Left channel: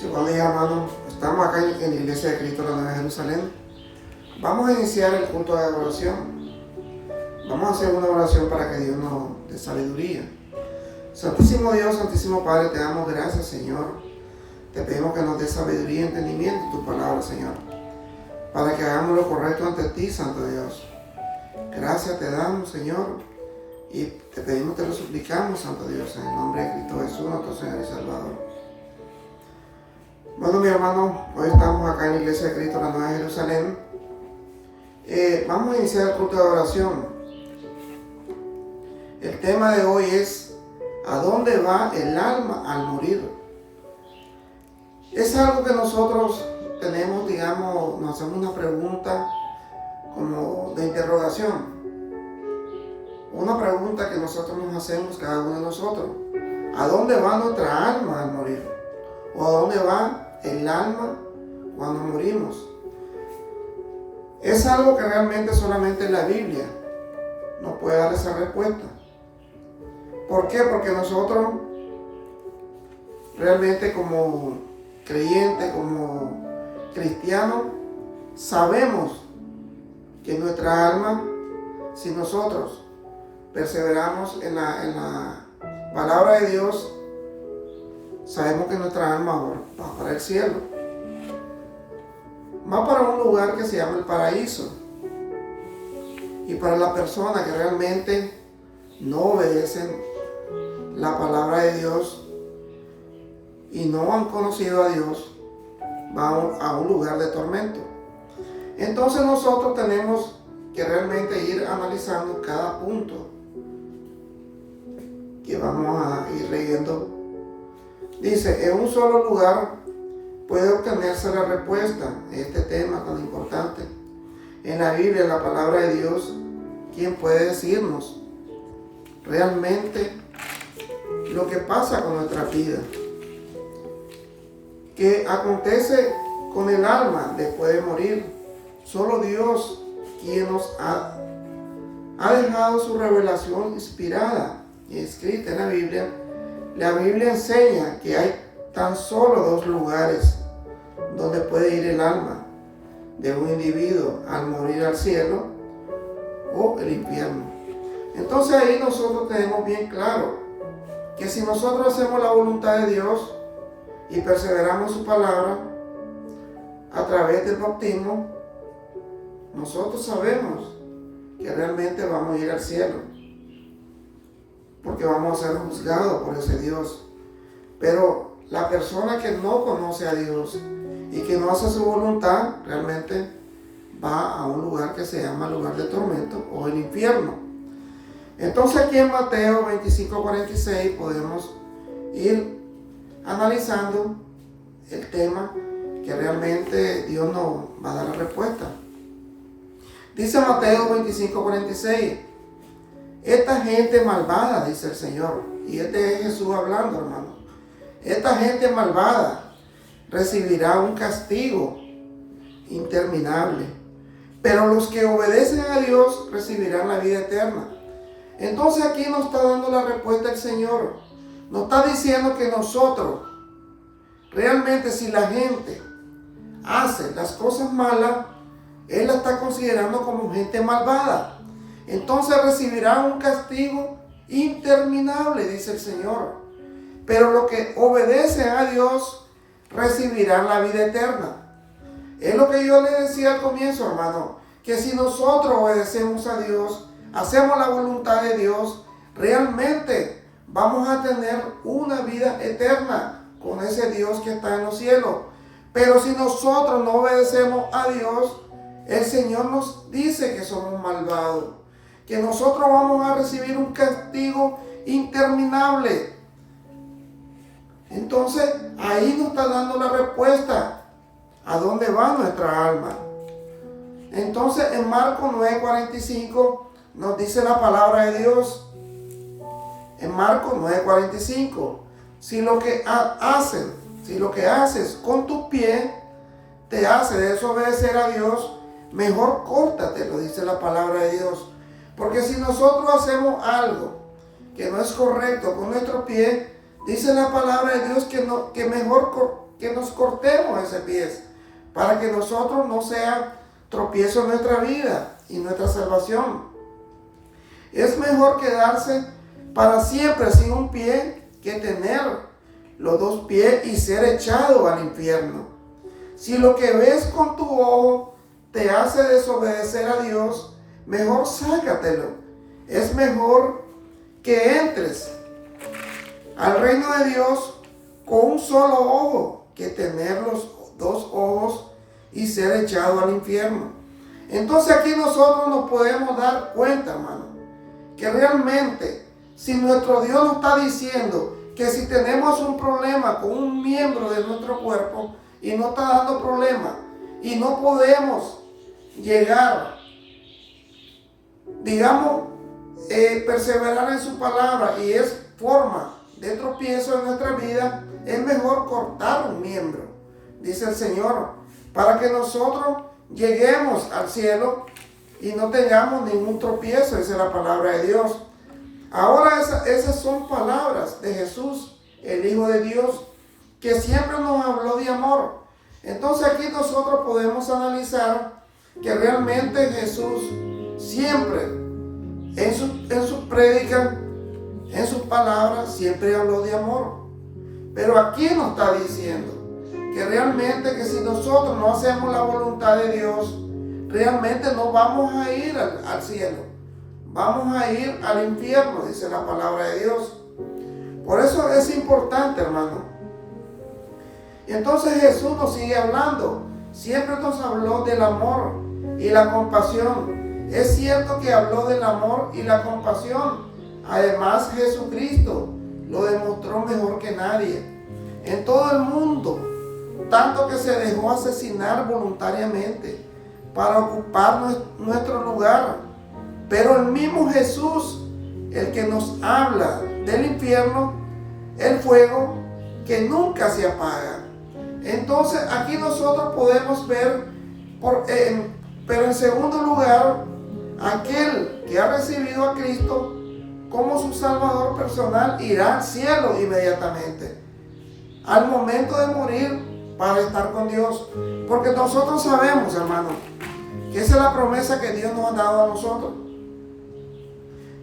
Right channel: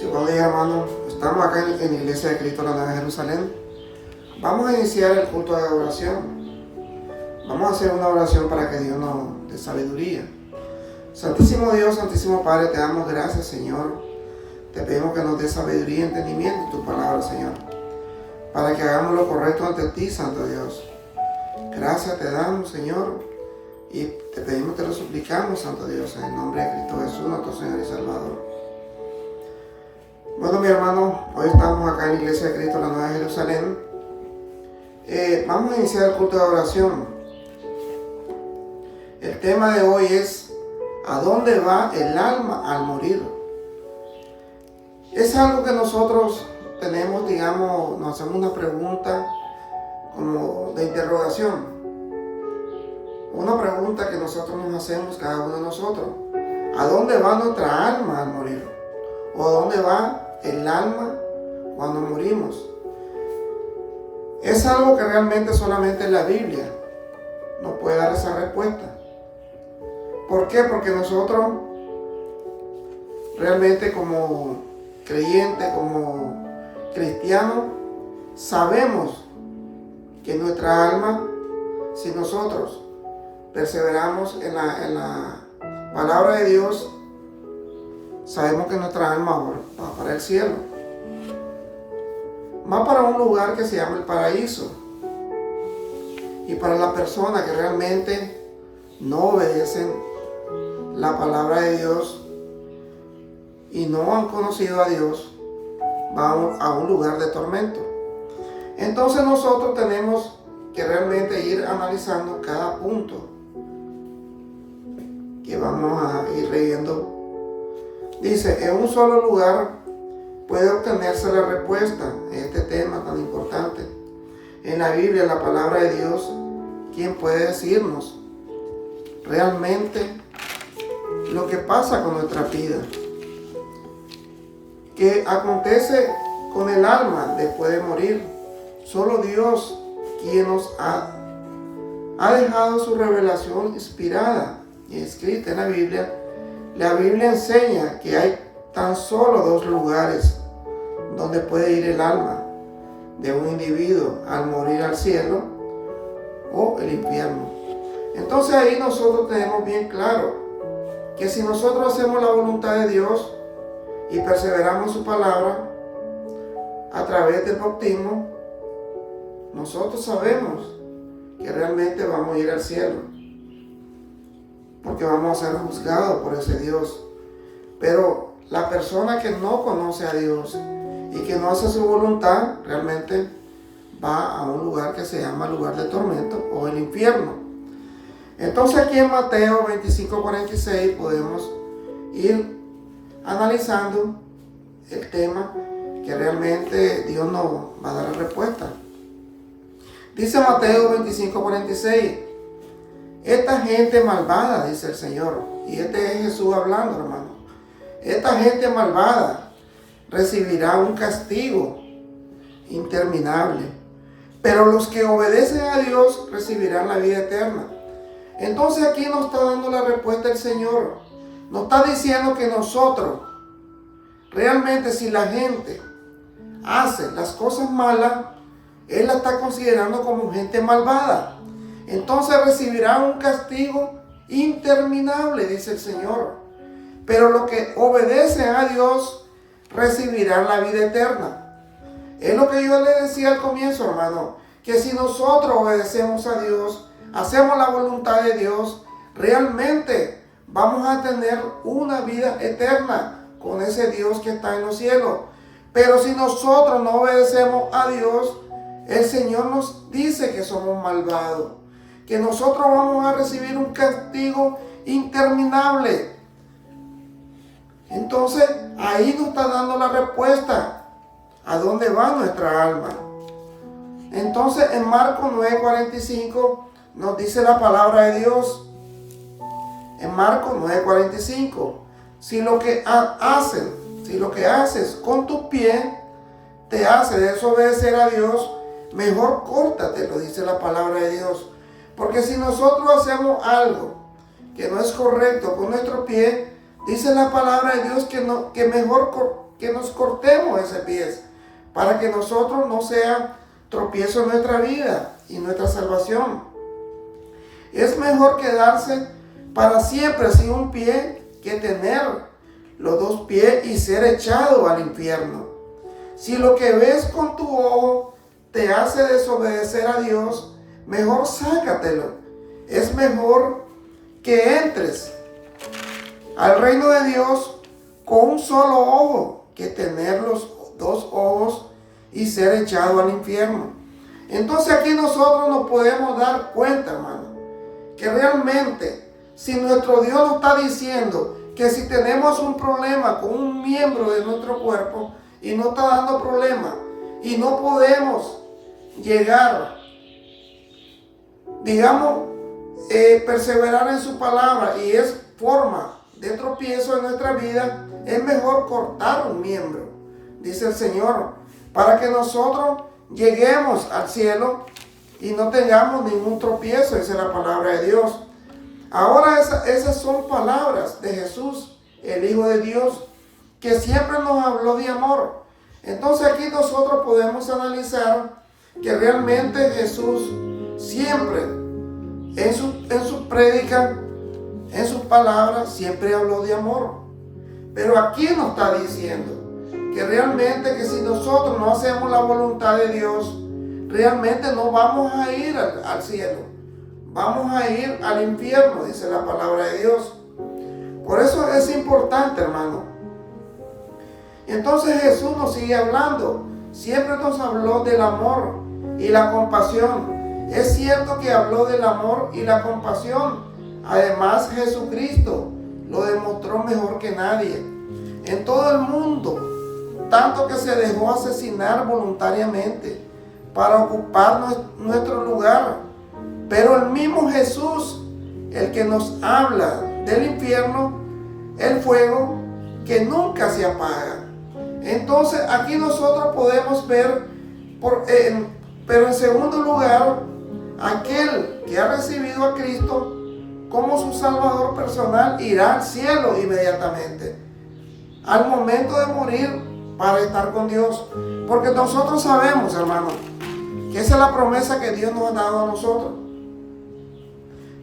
Sí, buen día, hermano. Estamos acá en la Iglesia de Cristo, la Nueva Jerusalén. Vamos a iniciar el culto de adoración. Vamos a hacer una oración para que Dios nos dé sabiduría. Santísimo Dios, Santísimo Padre, te damos gracias, Señor. Te pedimos que nos dé sabiduría y entendimiento en tu palabra, Señor, para que hagamos lo correcto ante ti, Santo Dios. Gracias te damos, Señor, y te pedimos que lo suplicamos, Santo Dios, en el nombre de Cristo Jesús, nuestro Señor y Salvador. Bueno, mi hermano, hoy estamos acá en la Iglesia de Cristo, la Nueva Jerusalén. Vamos a iniciar el culto de oración. El tema de hoy es: ¿a dónde va el alma al morir? Es algo que nosotros tenemos, digamos, nos hacemos una pregunta como de interrogación. Una pregunta que nosotros nos hacemos, cada uno de nosotros: ¿a dónde va nuestra alma al morir? ¿O a dónde va el alma cuando morimos? Es algo que realmente solamente la Biblia nos puede dar esa respuesta. ¿Por qué? Porque nosotros realmente como creyentes, como cristianos, sabemos que nuestra alma, si nosotros perseveramos en la palabra de Dios, sabemos que nuestra alma va para el cielo. Va para un lugar que se llama el paraíso. Y para las personas que realmente no obedecen la palabra de Dios y no han conocido a Dios, van a un lugar de tormento. Entonces nosotros tenemos que realmente ir analizando cada punto que vamos a ir leyendo. Dice: en un solo lugar puede obtenerse la respuesta a este tema tan importante. En la Biblia, la palabra de Dios, ¿quién puede decirnos realmente lo que pasa con nuestra vida? ¿Qué acontece con el alma después de morir? Solo Dios, quien nos ha dejado su revelación inspirada y escrita en la Biblia. La Biblia enseña que hay tan solo dos lugares donde puede ir el alma de un individuo al morir: al cielo o el infierno. Entonces ahí nosotros tenemos bien claro que si nosotros hacemos la voluntad de Dios y perseveramos en su palabra a través del bautismo, nosotros sabemos que realmente vamos a ir al cielo, porque vamos a ser juzgados por ese Dios. Pero la persona que no conoce a Dios y que no hace su voluntad, realmente va a un lugar que se llama lugar de tormento o el infierno. Entonces aquí en Mateo 25:46 podemos ir analizando el tema que realmente Dios nos va a dar la respuesta. Dice Mateo 25:46: esta gente malvada, dice el Señor, y este es Jesús hablando, hermano. Esta gente malvada recibirá un castigo interminable, pero los que obedecen a Dios recibirán la vida eterna. Entonces aquí nos está dando la respuesta el Señor. Nos está diciendo que nosotros, realmente, si la gente hace las cosas malas, Él la está considerando como gente malvada. Entonces recibirá un castigo interminable, dice el Señor. Pero los que obedecen a Dios recibirán la vida eterna. Es lo que yo le decía al comienzo, hermano, que si nosotros obedecemos a Dios, hacemos la voluntad de Dios, realmente vamos a tener una vida eterna con ese Dios que está en los cielos. Pero si nosotros no obedecemos a Dios, el Señor nos dice que somos malvados, que nosotros vamos a recibir un castigo interminable. Entonces ahí nos está dando la respuesta a dónde va nuestra alma. Entonces en Marcos 9:45 nos dice la palabra de Dios. En Marcos 9:45: si lo que haces con tus pies te hace desobedecer a Dios, mejor córtate, lo dice la palabra de Dios. Porque si nosotros hacemos algo que no es correcto con nuestro pie, dice la palabra de Dios que mejor que nos cortemos ese pie, para que nosotros no sea tropiezo en nuestra vida y nuestra salvación. Es mejor quedarse para siempre sin un pie que tener los dos pies y ser echado al infierno. Si lo que ves con tu ojo te hace desobedecer a Dios, mejor sácatelo. Es mejor que entres al reino de Dios con un solo ojo que tener los dos ojos y ser echado al infierno. Entonces aquí nosotros nos podemos dar cuenta, hermano, que realmente si nuestro Dios nos está diciendo que si tenemos un problema con un miembro de nuestro cuerpo y no está dando problema y no podemos llegar, digamos, perseverar en su palabra y es forma de tropiezo en nuestra vida, es mejor cortar un miembro, dice el Señor, para que nosotros lleguemos al cielo y no tengamos ningún tropiezo, dice la palabra de Dios. Ahora esas son palabras de Jesús, el Hijo de Dios, que siempre nos habló de amor. Entonces aquí nosotros podemos analizar que realmente Jesús siempre en su prédica, en sus palabras, siempre habló de amor. Pero aquí nos está diciendo que realmente que si nosotros no hacemos la voluntad de Dios, realmente no vamos a ir al cielo, vamos a ir al infierno, dice la palabra de Dios. Por eso es importante, hermano. Entonces Jesús nos sigue hablando, siempre nos habló del amor y la compasión. Es cierto que habló del amor y la compasión. Además, Jesucristo lo demostró mejor que nadie. En todo el mundo, tanto que se dejó asesinar voluntariamente para ocupar nuestro lugar. Pero el mismo Jesús, el que nos habla del infierno, el fuego que nunca se apaga. Entonces aquí nosotros podemos ver, pero en segundo lugar, aquel que ha recibido a Cristo como su Salvador personal irá al cielo inmediatamente, al momento de morir, para estar con Dios. Porque nosotros sabemos, hermano, que esa es la promesa que Dios nos ha dado a nosotros.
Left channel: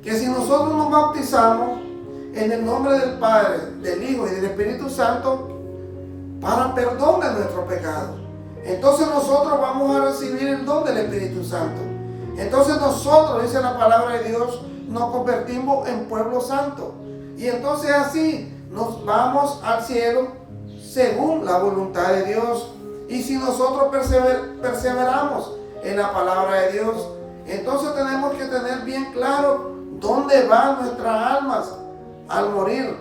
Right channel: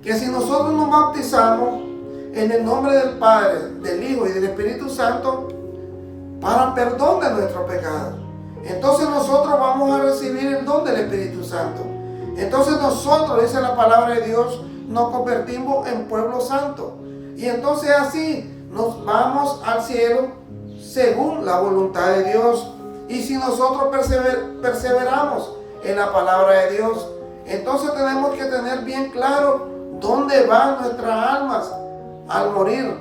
Que si nosotros nos bautizamos en el nombre del Padre, del Hijo y del Espíritu Santo, para perdón de nuestro pecado, entonces nosotros vamos a recibir el don del Espíritu Santo. Entonces nosotros, dice la palabra de Dios, nos convertimos en pueblo santo. Y entonces así nos vamos al cielo según la voluntad de Dios. Y si nosotros perseveramos en la palabra de Dios, entonces tenemos que tener bien claro dónde van nuestras almas al morir,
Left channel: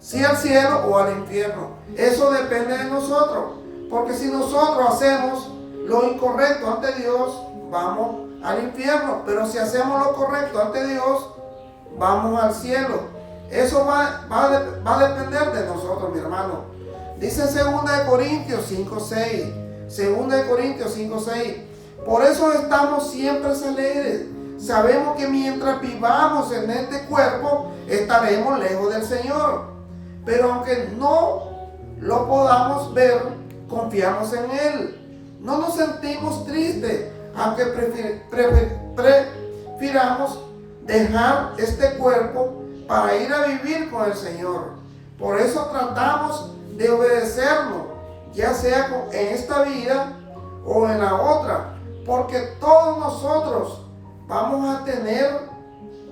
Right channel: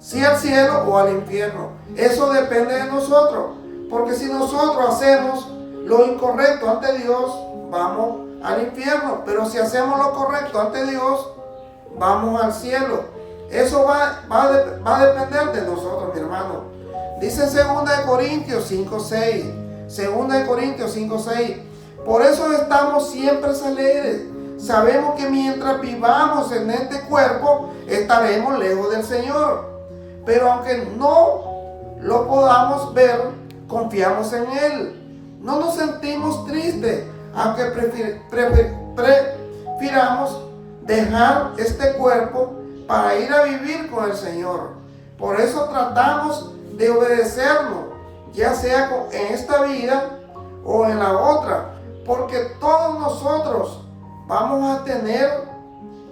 si al cielo o al infierno. Eso depende de nosotros, porque si nosotros hacemos lo incorrecto ante Dios, vamos al infierno, pero si hacemos lo correcto ante Dios, vamos al cielo. Eso va a depender de nosotros, mi hermano. Dice 2 Corintios 5:6, 2 Corintios 5:6, por eso estamos siempre alegres. Sabemos que mientras vivamos en este cuerpo, estaremos lejos del Señor. Pero aunque no lo podamos ver, confiamos en Él. No nos sentimos tristes, aunque prefiramos dejar este cuerpo para ir a vivir con el Señor. Por eso tratamos de obedecerlo, ya sea en esta vida o en la otra, porque todos nosotros vamos a tener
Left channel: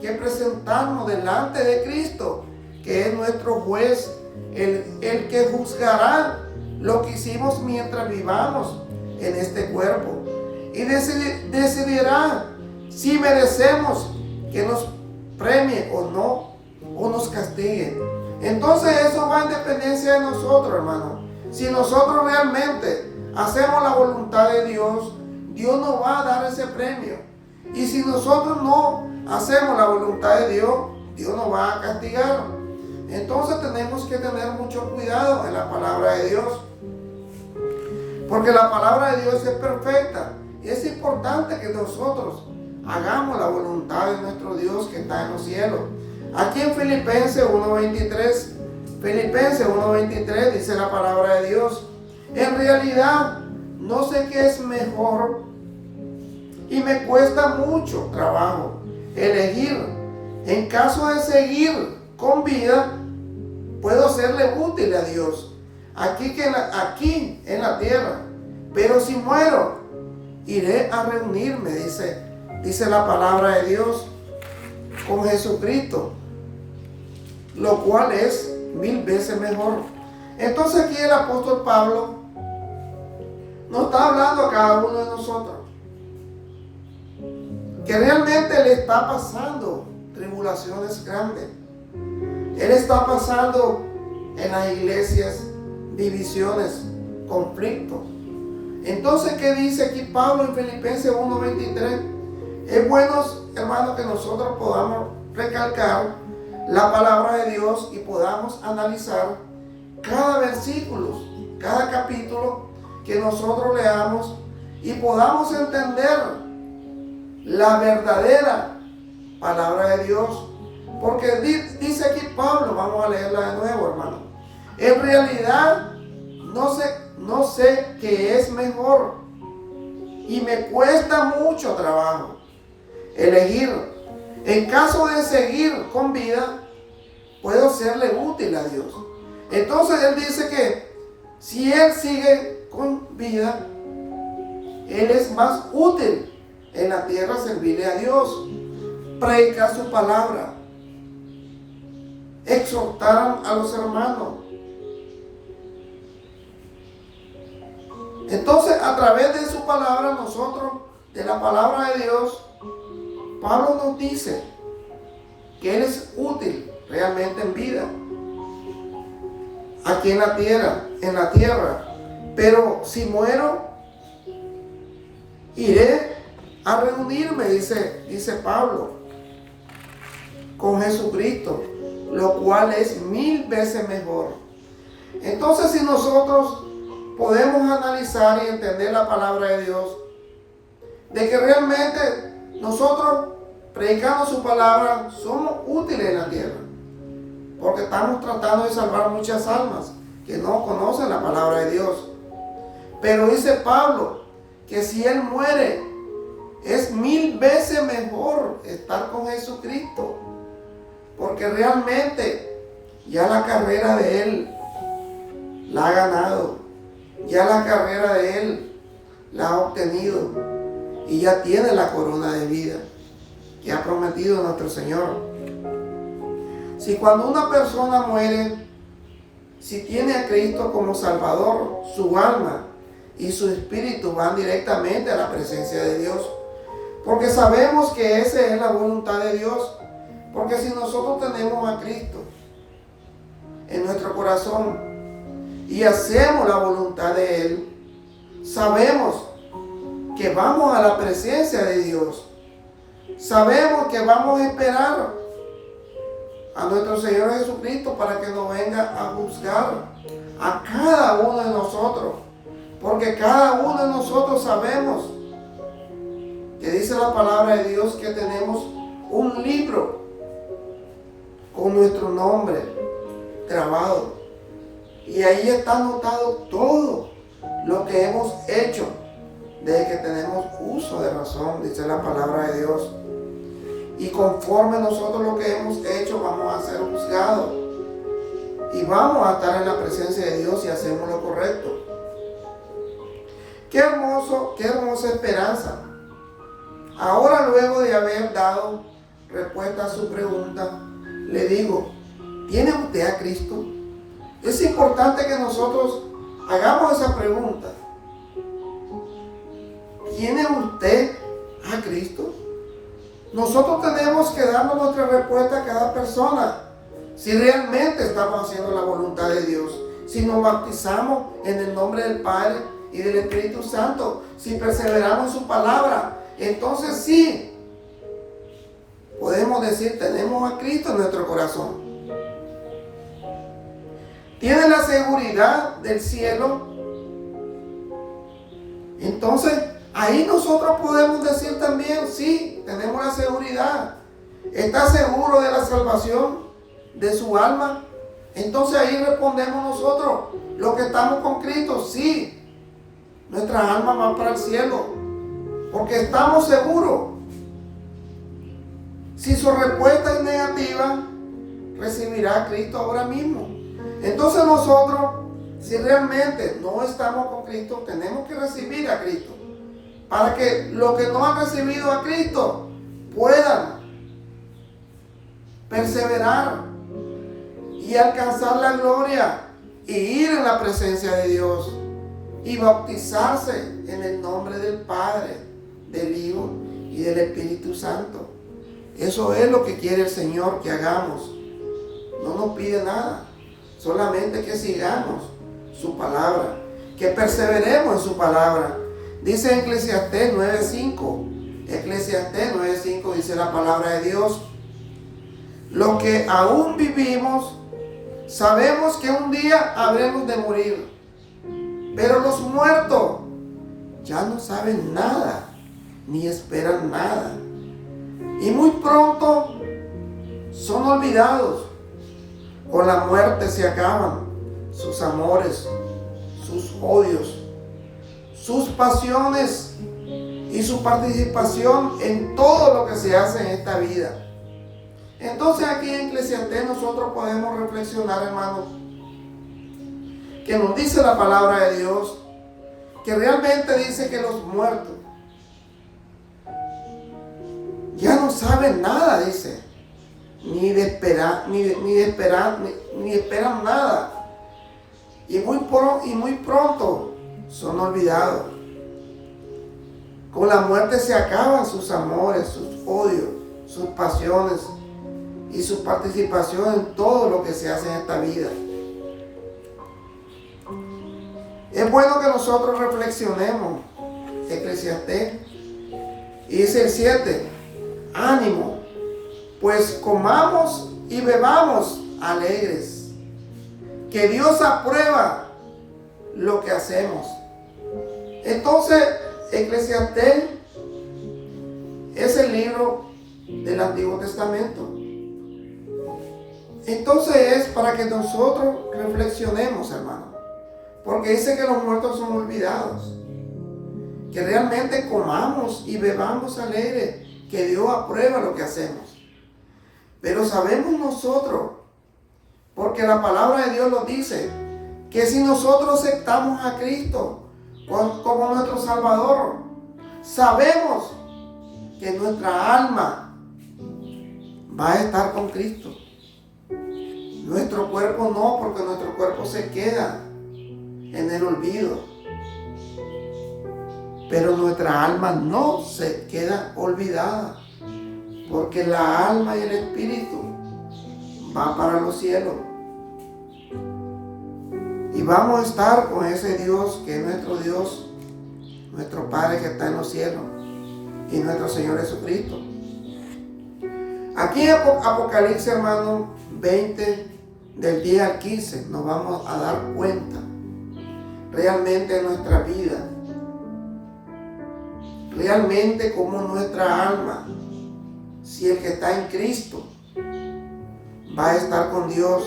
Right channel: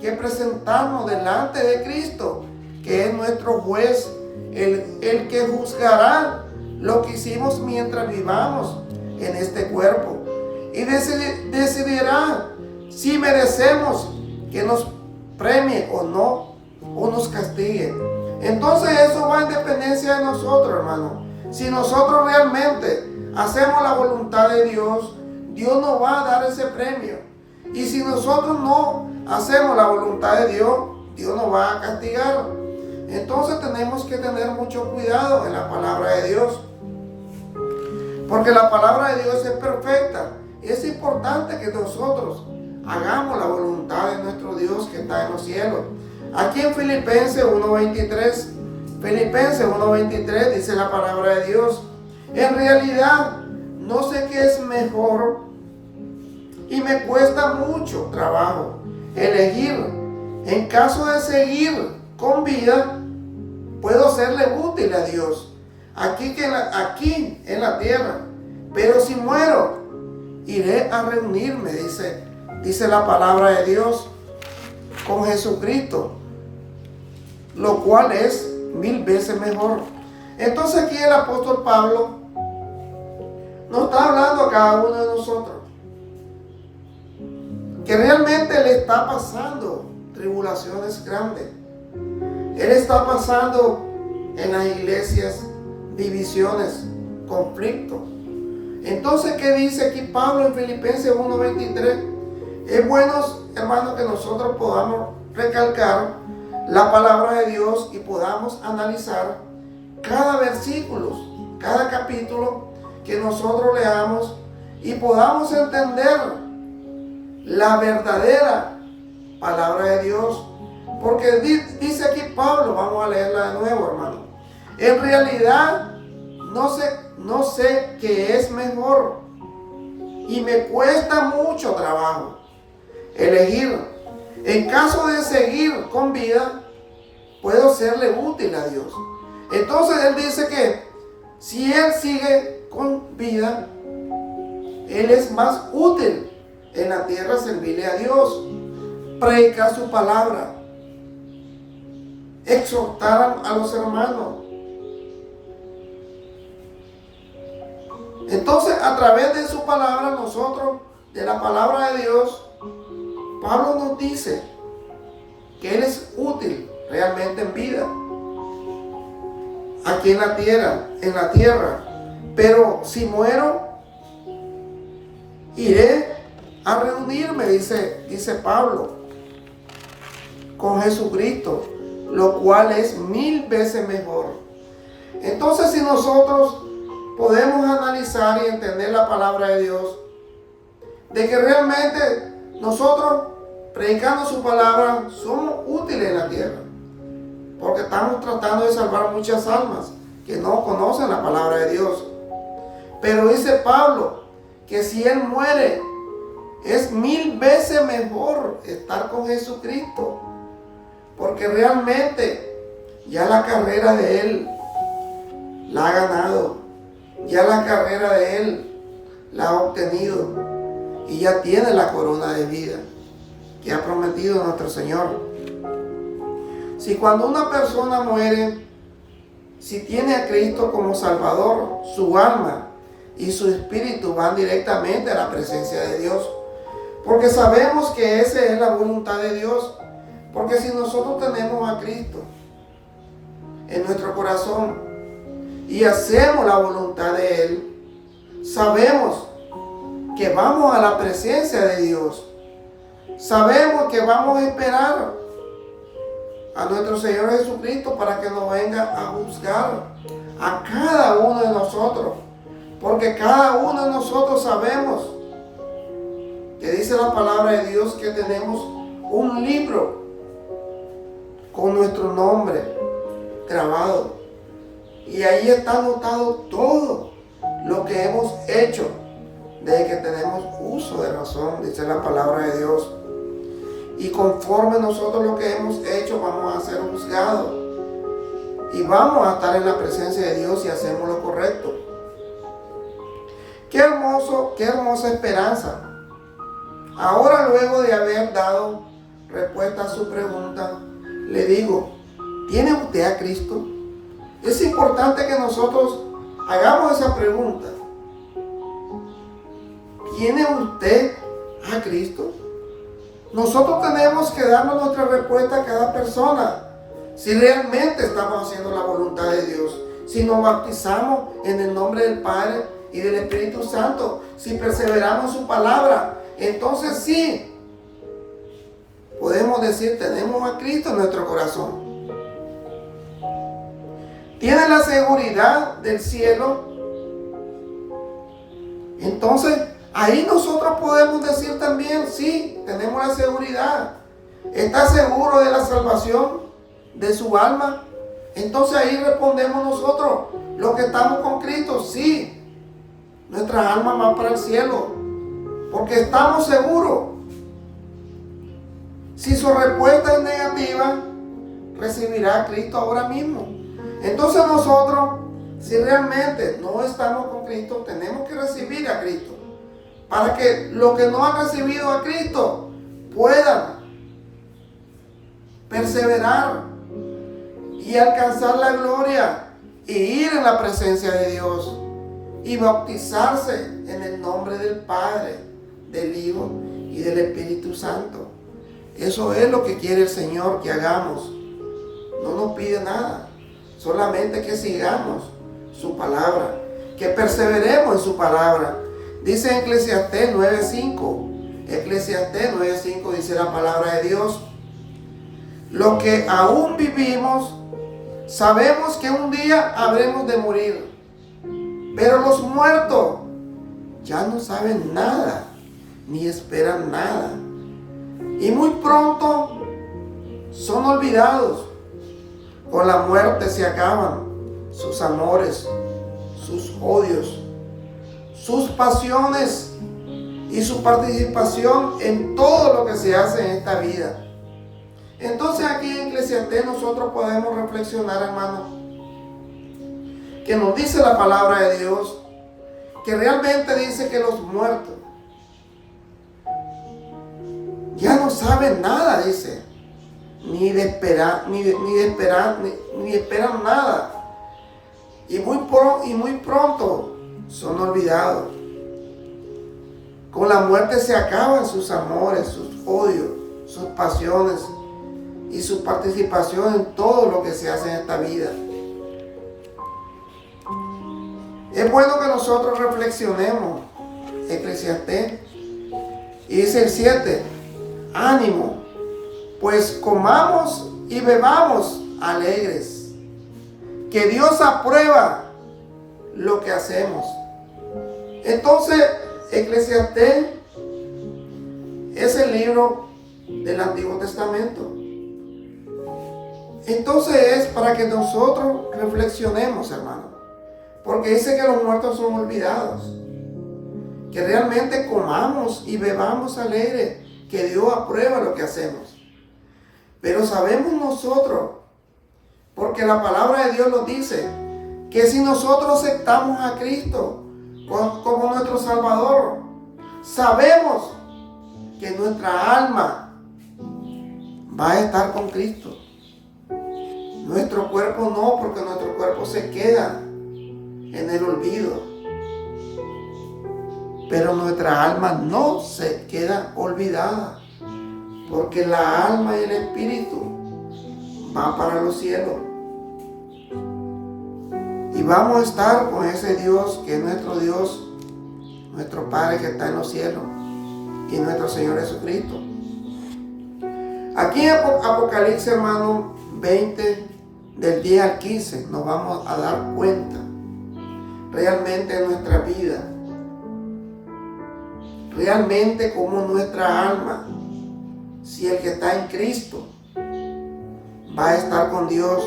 que presentarnos delante de Cristo, que es nuestro juez, el que juzgará lo que hicimos mientras vivamos en este cuerpo, y decidirá si merecemos que nos premie o no, o nos castigue. Entonces eso va en dependencia de nosotros, hermano. Si nosotros realmente hacemos la voluntad de Dios, Dios nos va a dar ese premio. Y si nosotros no hacemos la voluntad de Dios, Dios nos va a castigar. Entonces tenemos que tener mucho cuidado en la palabra de Dios, porque la palabra de Dios es perfecta. Y es importante que nosotros hagamos la voluntad de nuestro Dios que está en los cielos. Aquí en Filipenses 1:23, Filipenses 1:23 dice la palabra de Dios: en realidad no sé qué es mejor y me cuesta mucho trabajo elegir. En caso de seguir con vida, puedo serle útil a Dios aquí en la tierra. Pero si muero, iré a reunirme, dice la palabra de Dios, con Jesucristo, lo cual es 1000 veces mejor. Entonces aquí el apóstol Pablo nos está hablando a cada uno de nosotros que realmente le está pasando tribulaciones grandes. Él está pasando en las iglesias divisiones, conflictos. Entonces, ¿qué dice aquí Pablo en Filipenses 1:23? Es bueno, hermanos, que nosotros podamos recalcar la palabra de Dios y podamos analizar cada versículo, cada capítulo que nosotros leamos y podamos entender la verdadera palabra de Dios. Porque dice aquí Pablo, vamos a leerla de nuevo, hermano: en realidad no sé qué es mejor y me cuesta mucho trabajo elegir. En caso de seguir con vida, puedo serle útil a Dios. Entonces él dice que si él sigue con vida, él es más útil en la tierra servirle a Dios, predicar su palabra, exhortar a los hermanos. Entonces, a través de su palabra, nosotros, de la palabra de Dios, Pablo nos dice que él es útil realmente en vida, aquí en la tierra. Pero si muero, iré a reunirme, dice Pablo, con Jesucristo, lo cual es 1000 veces mejor. Entonces, si nosotros podemos analizar y entender la palabra de Dios, de que realmente nosotros, predicando su palabra, somos útiles en la tierra, porque estamos tratando de salvar muchas almas que no conocen la palabra de Dios. Pero dice Pablo que si él muere, es 1000 veces mejor estar con Jesucristo, porque realmente ya la carrera de él la ha ganado, ya la carrera de él la ha obtenido y ya tiene la corona de vida que ha prometido nuestro Señor. Si cuando una persona muere, si tiene a Cristo como Salvador, su alma y su espíritu van directamente a la presencia de Dios, porque sabemos que esa es la voluntad de Dios. Porque si nosotros tenemos a Cristo en nuestro corazón y hacemos la voluntad de Él, sabemos que vamos a la presencia de Dios. Sabemos que vamos a esperar a nuestro Señor Jesucristo para que nos venga a juzgar a cada uno de nosotros. Porque cada uno de nosotros sabemos que dice la palabra de Dios que tenemos un libro con nuestro nombre grabado. Y ahí está anotado todo lo que hemos hecho desde que tenemos uso de razón, dice la palabra de Dios. Y conforme nosotros lo que hemos hecho, vamos a ser juzgados. Y vamos a estar en la presencia de Dios si hacemos lo correcto. Qué hermosa esperanza. Ahora, luego de haber dado respuesta a su pregunta, le digo, ¿tiene usted a Cristo? Es importante que nosotros hagamos esa pregunta. ¿Tiene usted a Cristo? Nosotros tenemos que darnos nuestra respuesta a cada persona. Si realmente estamos haciendo la voluntad de Dios, si nos bautizamos en el nombre del Padre y del Espíritu Santo, si perseveramos en su palabra, entonces sí, podemos decir, tenemos a Cristo en nuestro corazón. ¿Tiene la seguridad del cielo? Entonces, ahí nosotros podemos decir también, sí, tenemos la seguridad. ¿Está seguro de la salvación de su alma? Entonces ahí respondemos nosotros, los que estamos con Cristo, sí, nuestra alma va para el cielo, porque estamos seguros. Si su respuesta es negativa, recibirá a Cristo ahora mismo. Entonces nosotros, si realmente no estamos con Cristo, tenemos que recibir a Cristo, para que los que no han recibido a Cristo puedan perseverar y alcanzar la gloria y ir en la presencia de Dios y bautizarse en el nombre del Padre, del Hijo y del Espíritu Santo. Eso es lo que quiere el Señor que hagamos. No nos pide nada, solamente que sigamos su palabra, que perseveremos en su palabra. Dice en Eclesiastés 9:5, Eclesiastés 9:5 dice la palabra de Dios: los que aún vivimos sabemos que un día habremos de morir, pero los muertos ya no saben nada, ni esperan nada, y muy pronto son olvidados. Con la muerte se acaban sus amores, sus odios, sus pasiones y su participación en todo lo que se hace en esta vida. Entonces aquí en Eclesiastés nosotros podemos reflexionar, hermanos, que nos dice la palabra de Dios, que realmente dice que los muertos ya no saben nada, dice, ni esperan nada, y muy pronto son olvidados. Con la muerte se acaban sus amores, sus odios, sus pasiones y su participación en todo lo que se hace en esta vida. Es bueno que nosotros reflexionemos Eclesiastés. Y dice el 7, ánimo, pues comamos y bebamos alegres, que Dios aprueba lo que hacemos. Entonces, Eclesiastés es el libro del Antiguo Testamento. Entonces es para que nosotros reflexionemos, hermano, porque dice que los muertos son olvidados, que realmente comamos y bebamos alegre, que Dios aprueba lo que hacemos. Pero sabemos nosotros, porque la palabra de Dios nos dice, que si nosotros aceptamos a Cristo como nuestro Salvador, sabemos que nuestra alma va a estar con Cristo. Nuestro cuerpo no, porque nuestro cuerpo se queda en el olvido. Pero nuestra alma no se queda olvidada, porque la alma y el espíritu va para los cielos. Y vamos a estar con ese Dios que es nuestro Dios, nuestro Padre que está en los cielos, y nuestro Señor Jesucristo. Aquí en Apocalipsis, hermano, 20, del 10 al 15, nos vamos a dar cuenta realmente en nuestra vida, realmente como nuestra alma, si el que está en Cristo va a estar con Dios,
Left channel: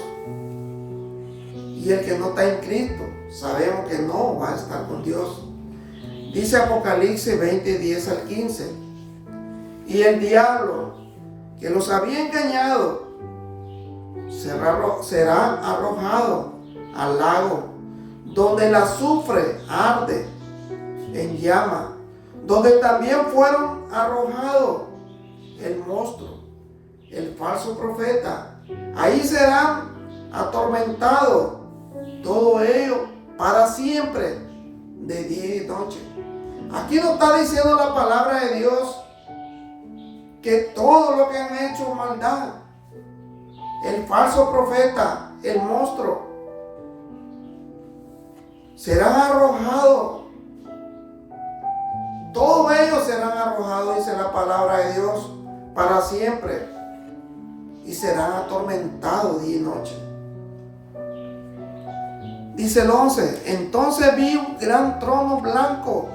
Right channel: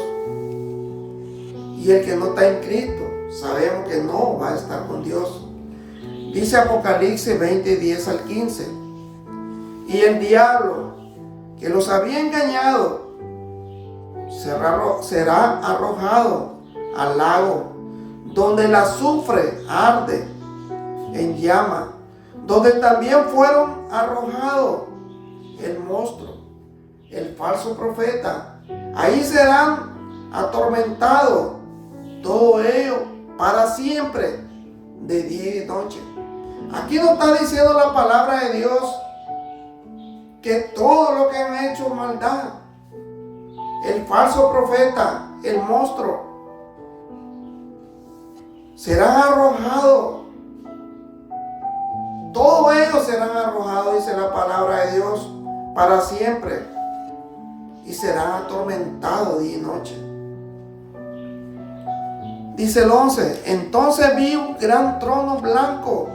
y el que no está en Cristo sabemos que no va a estar con Dios. Dice Apocalipsis 20, 10 al 15, y el diablo que los había engañado será arrojado al lago, donde el azufre arde en llama, donde también fueron arrojados el monstruo, el falso profeta. Ahí serán atormentados todos ellos para siempre, de día y noche. Aquí nos está diciendo la palabra de Dios que todo lo que han hecho maldad, el falso profeta, el monstruo, serán arrojados. Todos ellos serán arrojados, dice la palabra de Dios, para siempre, y serán atormentados día y noche. Dice el 11, entonces vi un gran trono blanco,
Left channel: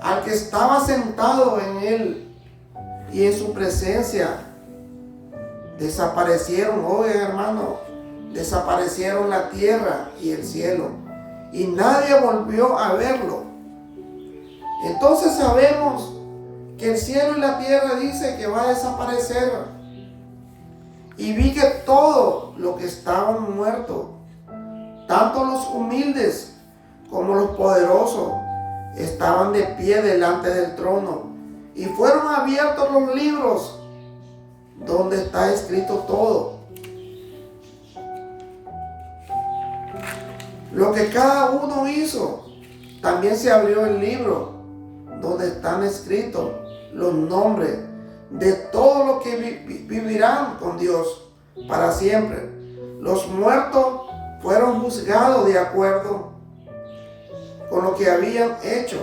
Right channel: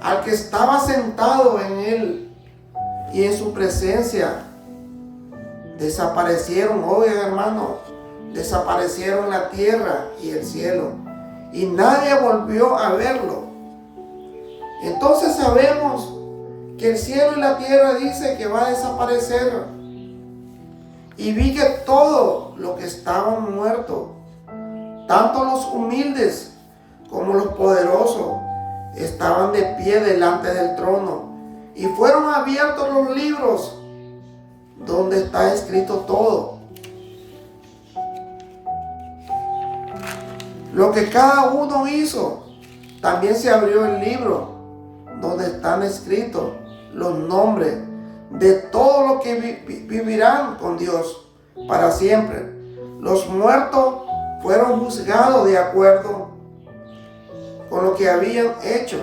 al que estaba sentado en él, y en su presencia desaparecieron, oigan hermano, desaparecieron la tierra y el cielo, y nadie volvió a verlo. Entonces sabemos que el cielo y la tierra dice que va a desaparecer. Y vi que todo lo que estaban muertos, tanto los humildes como los poderosos, estaban de pie delante del trono, y fueron abiertos los libros donde está escrito todo lo que cada uno hizo. También se abrió el libro donde están escritos los nombres de todos los que vivirán con Dios para siempre. Los muertos fueron juzgados de acuerdo con lo que habían hecho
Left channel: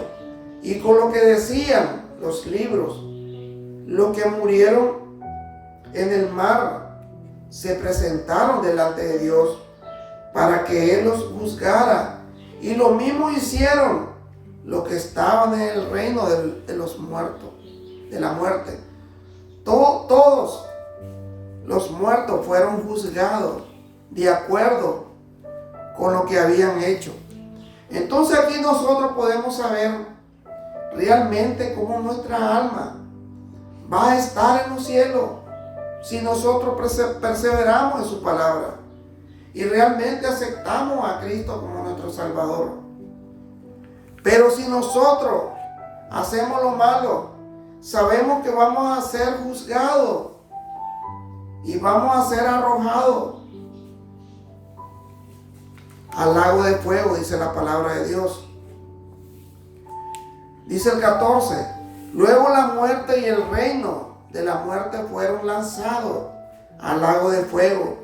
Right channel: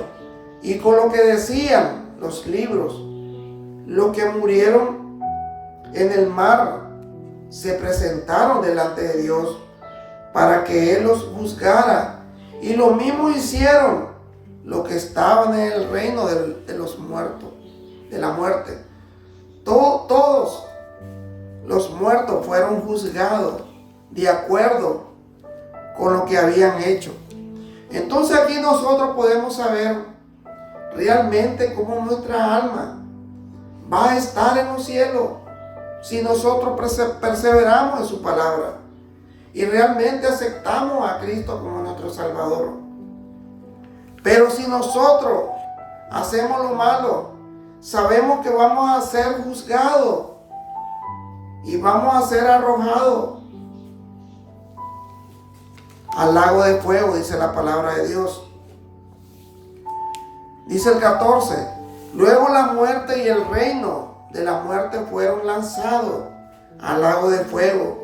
y con lo que decían los libros. Los que murieron en el mar se presentaron delante de Dios para que Él los juzgara, y lo mismo hicieron los que estaban en el reino de los muertos, de la muerte. Todos los muertos fueron juzgados de acuerdo con lo que habían hecho. Entonces aquí nosotros podemos saber realmente cómo nuestra alma va a estar en los cielos si nosotros perseveramos en su palabra y realmente aceptamos a Cristo como nuestro Salvador. Pero si nosotros hacemos lo malo, sabemos que vamos a ser juzgados y vamos a ser arrojados al lago de fuego, dice la palabra de Dios. Dice el 14: luego la muerte y el reino de la muerte fueron lanzados al lago de fuego.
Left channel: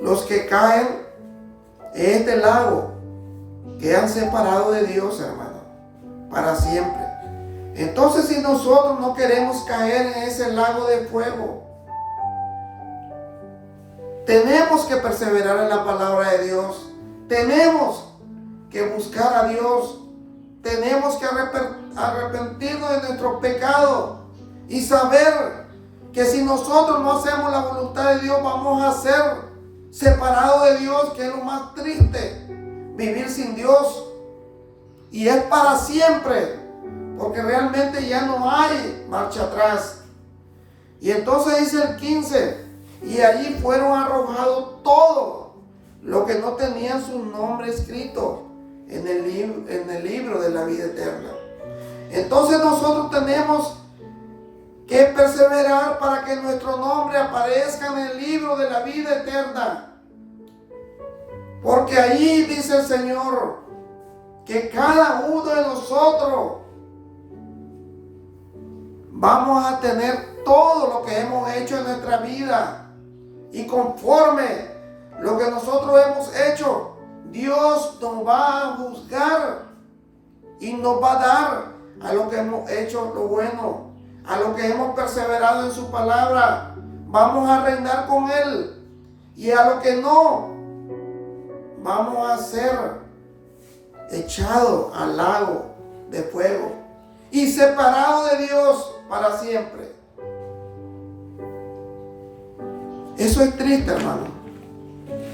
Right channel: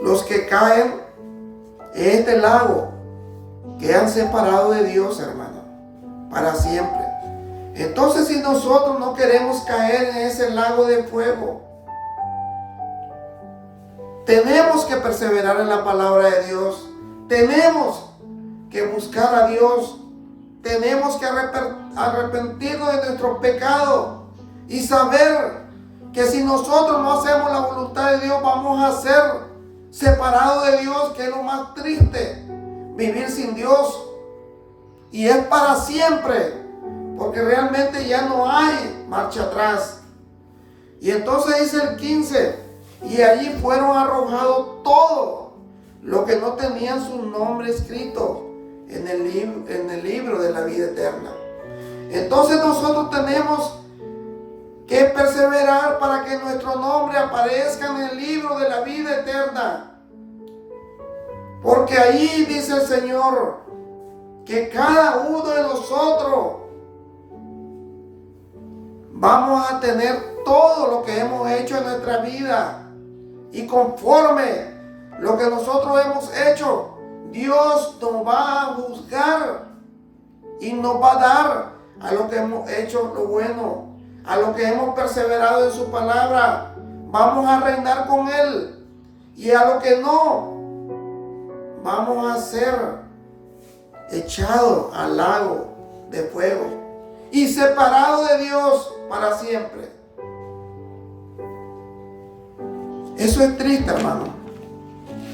Los que caen en este lago quedan separados de Dios, hermano, para siempre. Entonces, si nosotros no queremos caer en ese lago de fuego, tenemos que perseverar en la palabra de Dios. Tenemos que buscar a Dios. Tenemos que arrepentirnos de nuestros pecados y saber que si nosotros no hacemos la voluntad de Dios, vamos a ser separados de Dios, que es lo más triste, vivir sin Dios. Y es para siempre, porque realmente ya no hay marcha atrás. Y entonces dice el 15: y allí fueron arrojados todos los que no tenían su nombre escrito en el libro de la vida eterna. Entonces nosotros tenemos que perseverar para que nuestro nombre aparezca en el libro de la vida eterna. Porque ahí dice el Señor que cada uno de nosotros vamos a tener todo lo que hemos hecho en nuestra vida. Y conforme lo que nosotros hemos hecho, Dios nos va a juzgar y nos va a dar a lo que hemos hecho lo bueno, a lo que hemos perseverado en su palabra. Vamos a reinar con Él. Y a lo que no, vamos a ser echados al lago de fuego y separados de Dios para siempre. Eso es triste, hermano.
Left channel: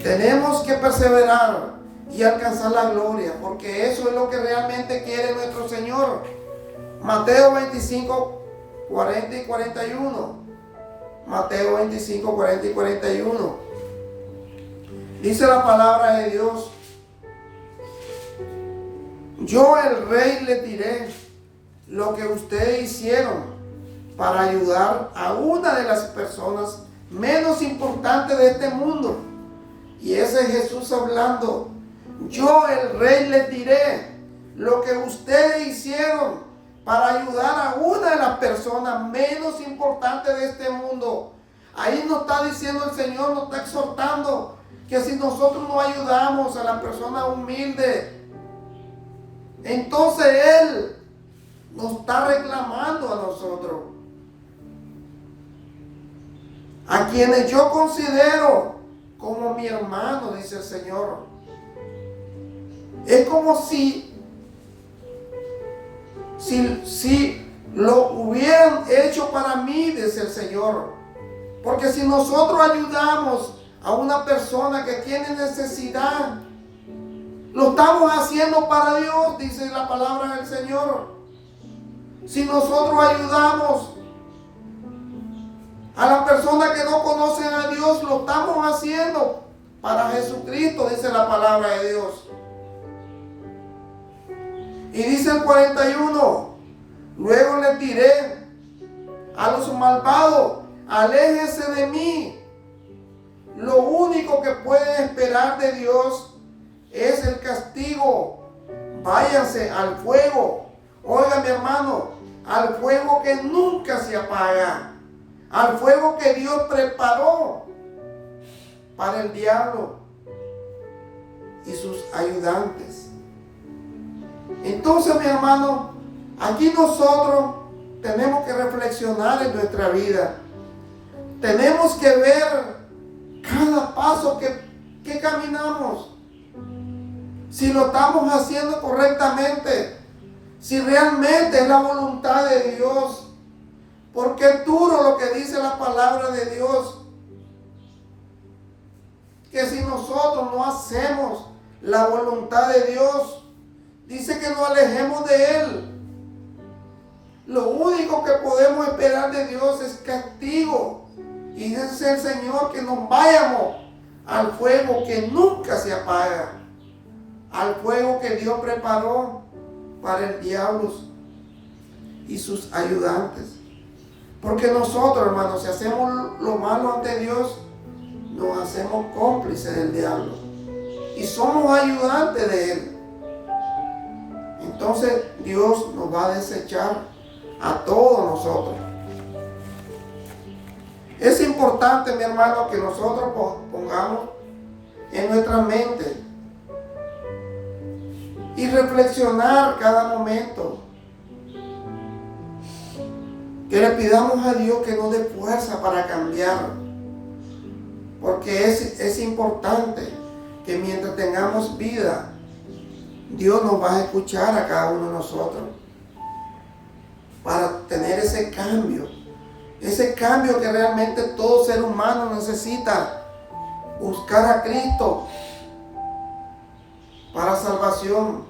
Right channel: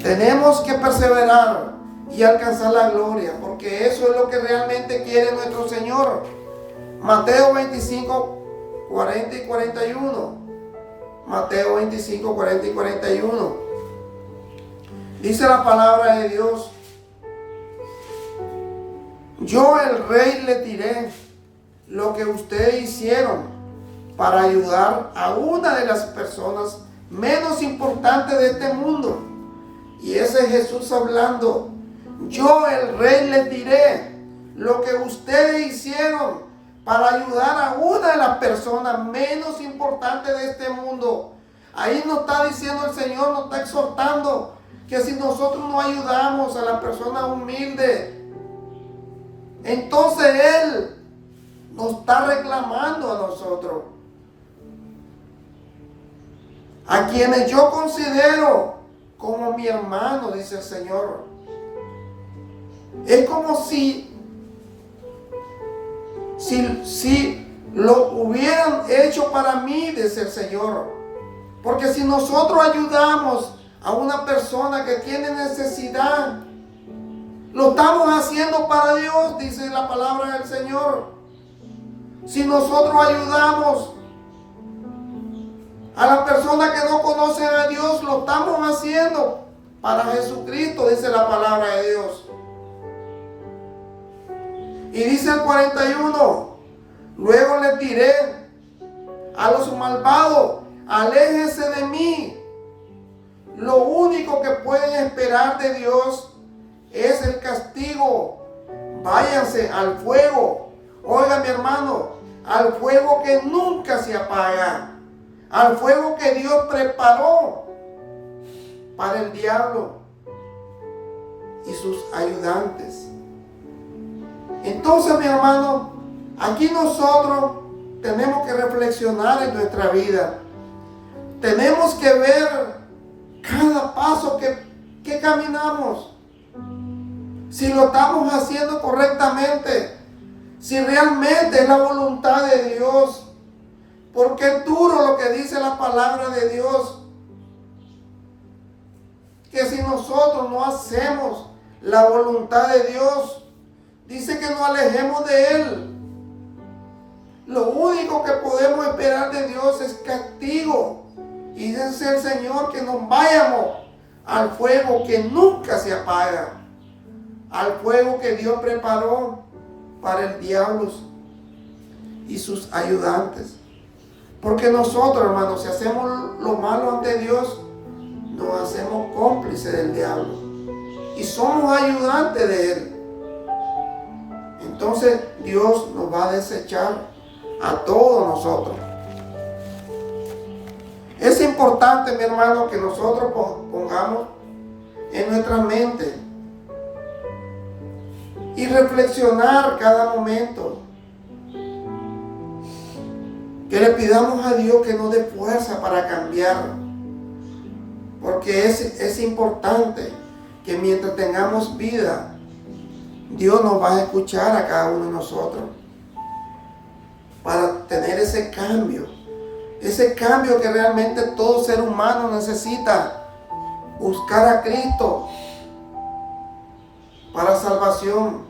Tenemos que perseverar y alcanzar la gloria, porque eso es lo que realmente quiere nuestro Señor. Mateo 25, 40 y 41. Mateo 25, 40 y 41. Dice la palabra de Dios: yo, el Rey, les diré lo que ustedes hicieron para ayudar a una de las personas menos importantes de este mundo. Y ese es Jesús hablando. Yo, el Rey, les diré lo que ustedes hicieron para ayudar a una de las personas menos importantes de este mundo. Ahí nos está diciendo el Señor, nos está exhortando que si nosotros no ayudamos a la persona humilde, entonces Él nos está reclamando a nosotros, a quienes yo considero como mi hermano, dice el Señor. Es como si lo hubieran hecho para mí, dice el Señor. Porque si nosotros ayudamos a una persona que tiene necesidad, lo estamos haciendo para Dios, dice la palabra del Señor. Si nosotros ayudamos a las personas que no conocen a Dios, lo estamos haciendo para Jesucristo, dice la palabra de Dios. Y dice el 41, luego les diré a los malvados, aléjense de mí. Lo único que pueden esperar de Dios es el castigo. Váyanse al fuego. Oiga, mi hermano, al fuego que nunca se apaga, al fuego que Dios preparó para el diablo y sus ayudantes. Entonces, mi hermano, aquí nosotros tenemos que reflexionar en nuestra vida. Tenemos que ver cada paso que caminamos, si lo estamos haciendo correctamente, si realmente es la voluntad de Dios, porque es duro lo que dice la palabra de Dios, que si nosotros no hacemos la voluntad de Dios, dice que nos alejemos de Él. Lo único que podemos esperar de Dios es castigo. Y dice el Señor que nos vayamos al fuego que nunca se apaga, al fuego que Dios preparó para el diablo y sus ayudantes. Porque nosotros, hermanos, si hacemos lo malo ante Dios, nos hacemos cómplices del diablo y somos ayudantes de él. Entonces Dios nos va a desechar a todos nosotros. Es importante, mi hermano, que nosotros pongamos en nuestra mente y reflexionar cada momento. Que le pidamos a Dios que nos dé fuerza para cambiar. Porque es importante que mientras tengamos vida, Dios nos va a escuchar a cada uno de nosotros. Para tener ese cambio. Ese cambio que realmente todo ser humano necesita. Buscar a Cristo para salvación.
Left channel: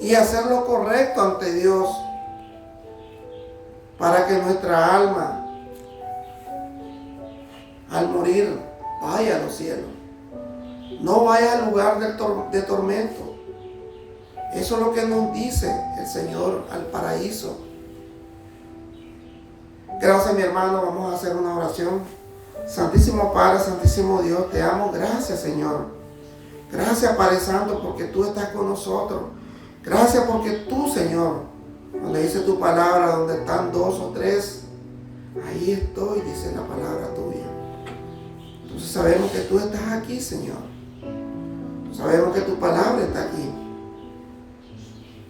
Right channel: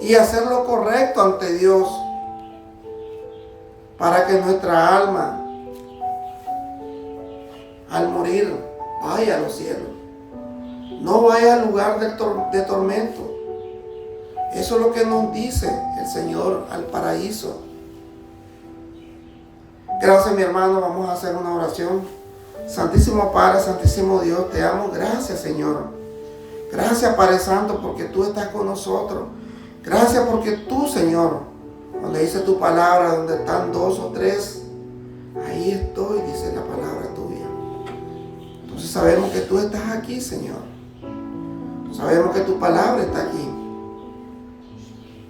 Y hacer lo correcto ante Dios. Para que nuestra alma, al morir, vaya a los cielos. No vaya al lugar de tormento. Eso es lo que nos dice el Señor, al paraíso. Gracias, mi hermano. Vamos a hacer una oración. Santísimo Padre, Santísimo Dios, te amo. Gracias, Señor. Gracias, Padre Santo, porque tú estás con nosotros. Gracias porque tú, Señor, donde dice tu palabra, donde están 2 o 3, ahí estoy, dice la palabra tuya. Entonces sabemos que tú estás aquí, Señor. Sabemos que tu palabra está aquí.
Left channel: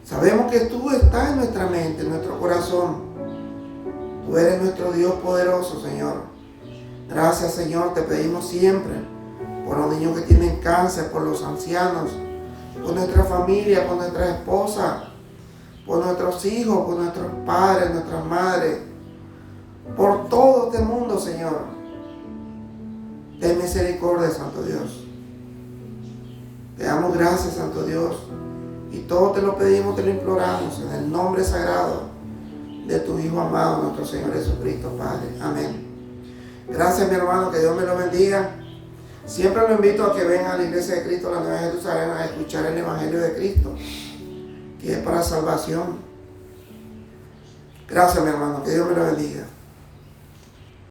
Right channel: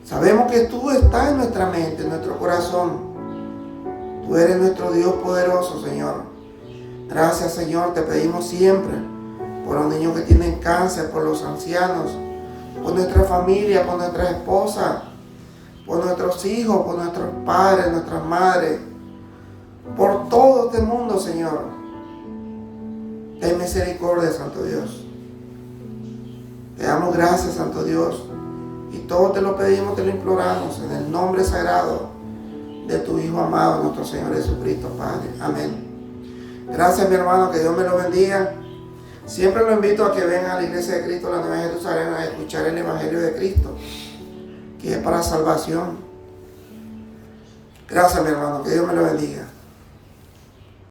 Sabemos que tú estás en nuestra mente, en nuestro corazón. Tú eres nuestro Dios poderoso, Señor. Gracias, Señor, te pedimos siempre por los niños que tienen cáncer, por los ancianos, por nuestra familia, por nuestra esposa, por nuestros hijos, por nuestros padres, nuestras madres, por todo este mundo, Señor. Ten misericordia, Santo Dios. Te damos gracias, Santo Dios, y todo te lo pedimos, te lo imploramos, en el nombre sagrado de tu Hijo amado, nuestro Señor Jesucristo, Padre. Amén. Gracias, mi hermano, que Dios me lo bendiga. Siempre lo invito a que venga a la Iglesia de Cristo, la Nueva Jerusalén, a escuchar el Evangelio de Cristo, que es para salvación. Gracias, mi hermano, que Dios me lo bendiga.